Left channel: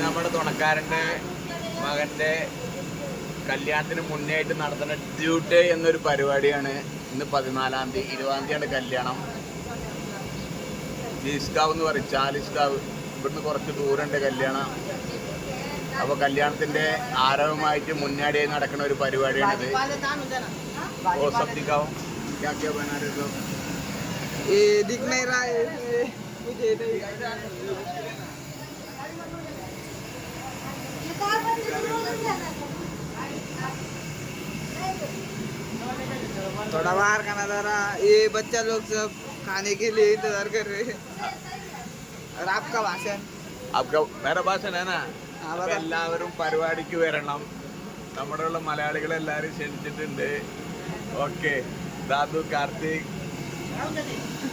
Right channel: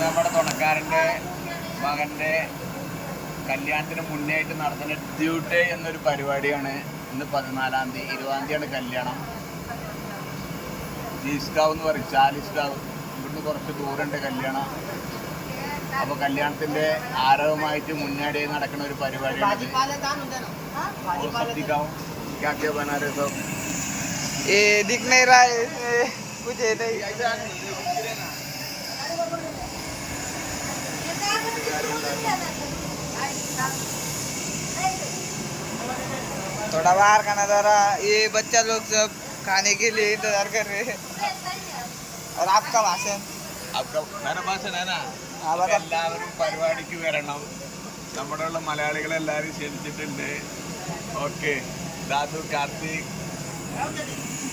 നമ്മുടെ തുണക്കാരൻ്റെ മകൻ്റെ കല്യാണത്തിന് മുന്നേ ആയിട്ട് നടത്തുന്ന ഡ്യൂട്ടി എന്നൊരു പരിപാടിയാണ് ഇന്ന് പതിനാലാം തീയതി ഇരുപതാം തീയതിയാണ് കല്യാണം ജീസ്കാവ് എന്ന് പറയും ചാലിസ്കാവ് ഇവിടുന്ന് കുറച്ച് ദൂരമുണ്ട് കല്യാണം അപ്പോൾ കല്യാണത്തിൻ്റെ ആരവമായിട്ട് മുന്നാടിയായി നടക്കുന്ന ഒരു പരിപാടിയാണിത് ഓ സബ്ദിക്കാവും क्या क्या बना रहे हो ये दिख नहीं रहा है इसमें कुछ है नहीं थोड़ा बाहर का नजारा ये बच्चा लोग सब खाने के लिए इंतजार कर रहे हैं और आपका भाषण आपका मेरा भाषण है ना ആ, പറ. എല്ലാവരും പരിപാടിക്ക് വരണം നമ്മുടെ ഉള്ള മലയാളികളെ എല്ലാവരും ക്ഷണിച്ചിട്ടുണ്ട് ഓക്കെ ദാദു കാർത്തിക്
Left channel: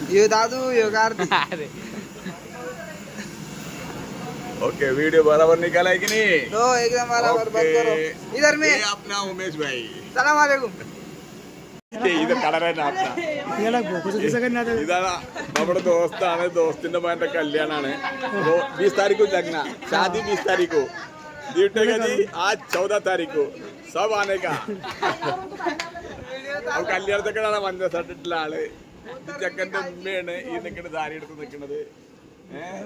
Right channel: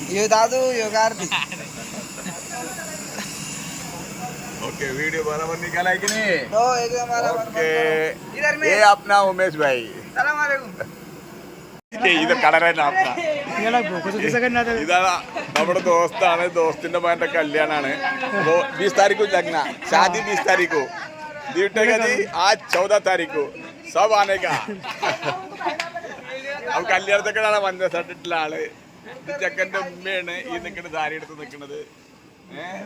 ये दादू ये कार्तिक ओके वीडियो बराबर निकाला है कि नहीं तो एकदम बराबर ओके बंद करो। इधर में ये अपना उमेश भाई सलाम वालेकुम ये इधर കട ഇതാണ് നമ്മുടെ ദോസ്താണ് ദോസ്തിന്റെ മകന്റെ കല്യാണാണ് वो बीस तारीख को लगना शादी बीस तारीख को ड्यूटी का जी आज चौदह तारीख को सब आने का അപ്പൊ കല്യാണത്തൊക്കെയാണ് മഞ്ഞ ഷർട്ടിട്ടുള്ള ആള് ഇത് ചെക്കന്റെ ഉമ്മയാണ് ഈ നിൽക്കുന്ന സാരി എടുത്ത് നിൽക്കുന്നത് ഏഹ് ഇത്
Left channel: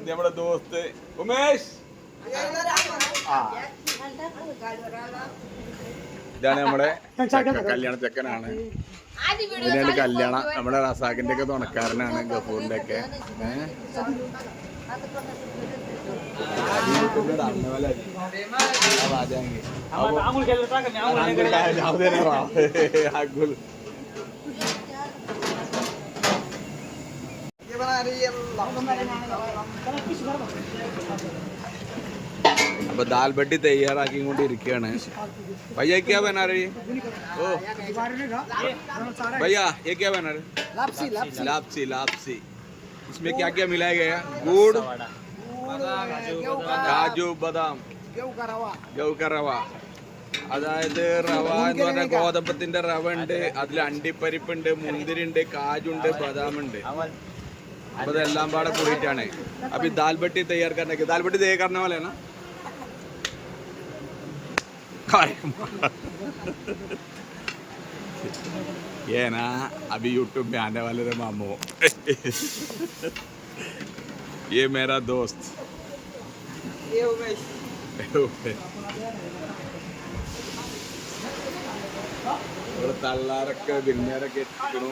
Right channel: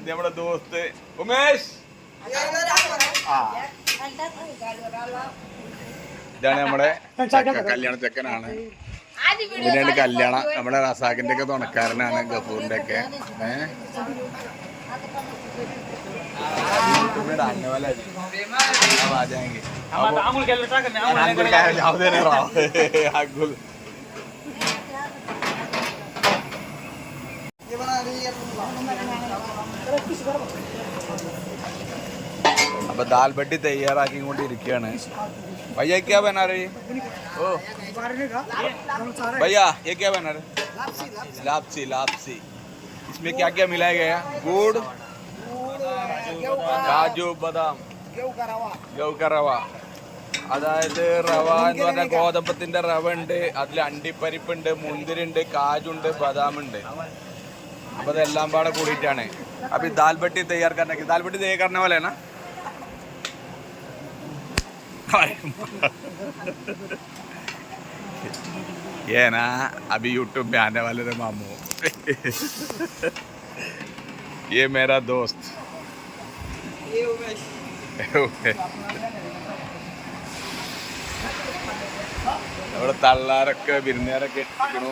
നമ്മുടെ ദോസ്ത് ഉമേഷ്. ഇതാണ് നമ്മുടെ കല്യാണ ചെക്കനാണ്. ഇതിനാണ് കല്യാണം നമ്മുടെ റസാഖിന്റെ ഒക്കെ തുണക്കാരനാണ് ഗഫൂറിന്റെ ഒക്കെ. ഏഹ് അപ്പൊ ദാൽ ബട്ടി തയ്യാറാക്കിക്കൊണ്ടിരിക്കുകയാണ് भैया क्या बना रही ओ भैया ये क्या बना रहे लापसी लापसी इसमें क्या क्या मिलाया गया गुड़ കാജു ബദാം ഗൗക്ക റവ അതായത് റവ എന്ന് പറഞ്ഞാൽ ഗോതമ്പത്തിന്റെ റവ ഉണ്ട് അതിൽ അണ്ടിപ്പരിപ്പുണ്ട് മുന്തിരിണ്ട് കാജുണ്ട് ബദാമുണ്ട് അപ്പൊ അതെല്ലാം പാടെ കൂടിയിട്ടാണ് അപ്പൊ ഈ ദാൽ ബട്ടി തയ്യാർ करने के दाल बट्टी तैयार करने वाले हैं ना ये ना अभी यूट्यूब में आने वाले थे मामू ये मेरा दोस्त ये उमेश ഇവിടെ തള്ളാരൊക്കെ വിരുന്നുകാരൊക്കെ എത്തിക്കണു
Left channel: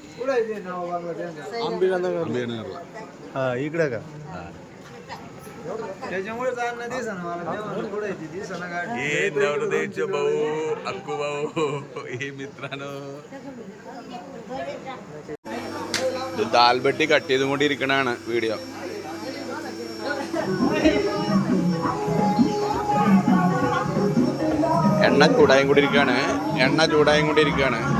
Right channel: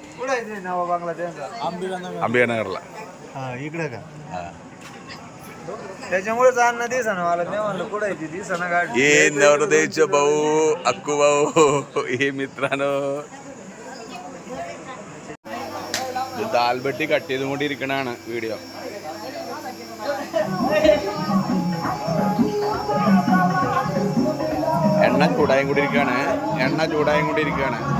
വില എത്തില്ല अंबिकानगरला इकडे का हा. त्याच्यामुळेच अन्न दिसना मला मी म्हणलं कुठे आहे ती दिसना गाडी ये नवरदेवचे भाऊ अक्कू भाऊ हे मित्रांनो ഇത് ദാൽ ബട്ടി കട്ട് ചെയ്തുകൊണ്ടിരിക്കണാണ് വീഡിയോ എണ്ണ ചൂടായും കൊണ്ടിരിക്കുകയാണ് എണ്ണ ചൂടായും കൊണ്ടിരിക്കുകയാണ് ഇതാണ്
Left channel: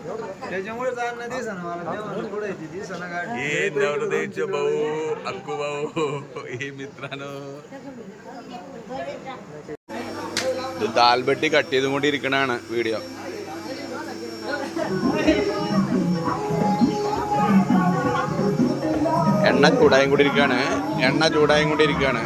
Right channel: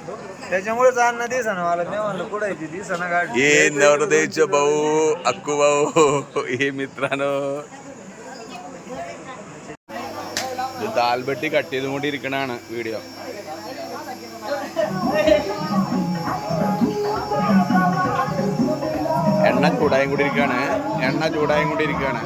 हा. त्याच्यामुळेच अन्न दिसना मला मी म्हणलं कुठे आहे ती दिसना गाडी ये नवरदेवचे भाऊ अक्कू भाऊ हे मित्रांनो ഇത് ദാൽ ബട്ടി കട്ട് ചെയ്തുകൊണ്ടിരിക്കണാണ് വീഡിയോ എണ്ണ ചൂടായും കൊണ്ടിരിക്കുകയാണ് എണ്ണ ചൂടായും കൊണ്ടിരിക്കുകയാണ്